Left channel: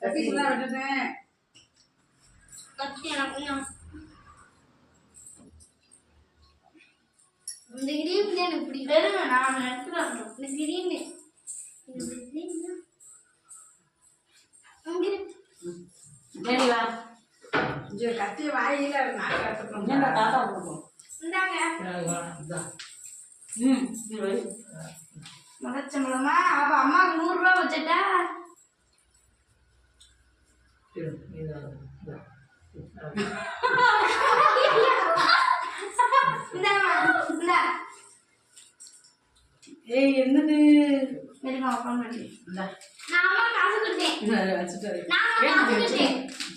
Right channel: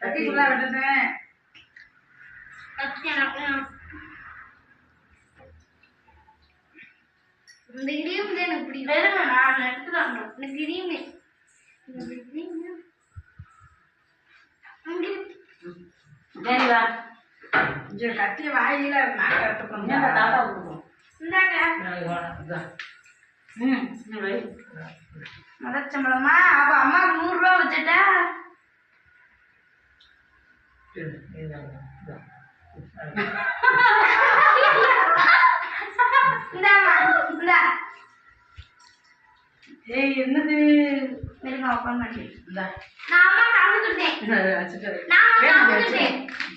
கத்தி ஃபுல்லாக விட்டுட்டேன். இந்த கிரீம் தான் எனக்கு பிடிக்கும். நான் எடுத்துட்டு இந்த கிரீமு கத்தி வாயில தாத்தா கொடுக்கும். முதச்சம்பளமா அப்ப அம்மாவுக்கு 100 ரூபா வச்சுட்டா ஏய் என்னது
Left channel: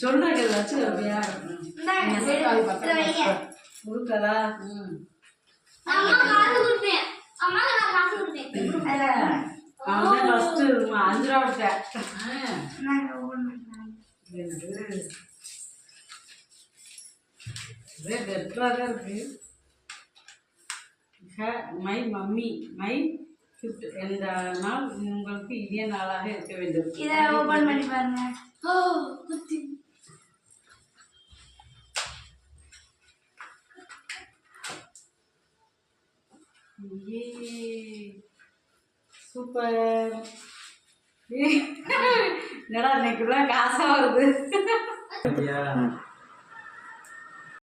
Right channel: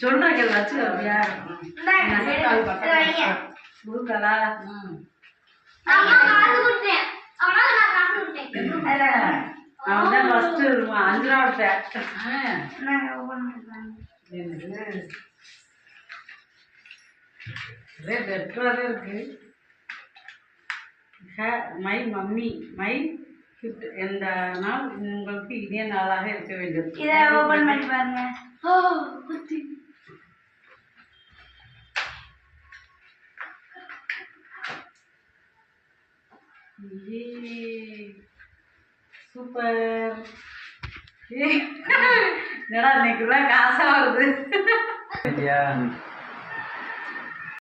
சொல்றேன் வச்சுக்கா கொடுக்கலா அவன் ஃபர்ஸ்ட் 5 ரூபா பெட்டராக இருக்கு. My mummy my gift. எந்த நாள் உங்களுக்கு இதே நாளாக இருக்க வேண்டும். இதை ஓபன் பண்ணி பாருங்க. ஓ குத்தி சூப்பர். என்னடா இன்னைக்குள்ள காசா வருது.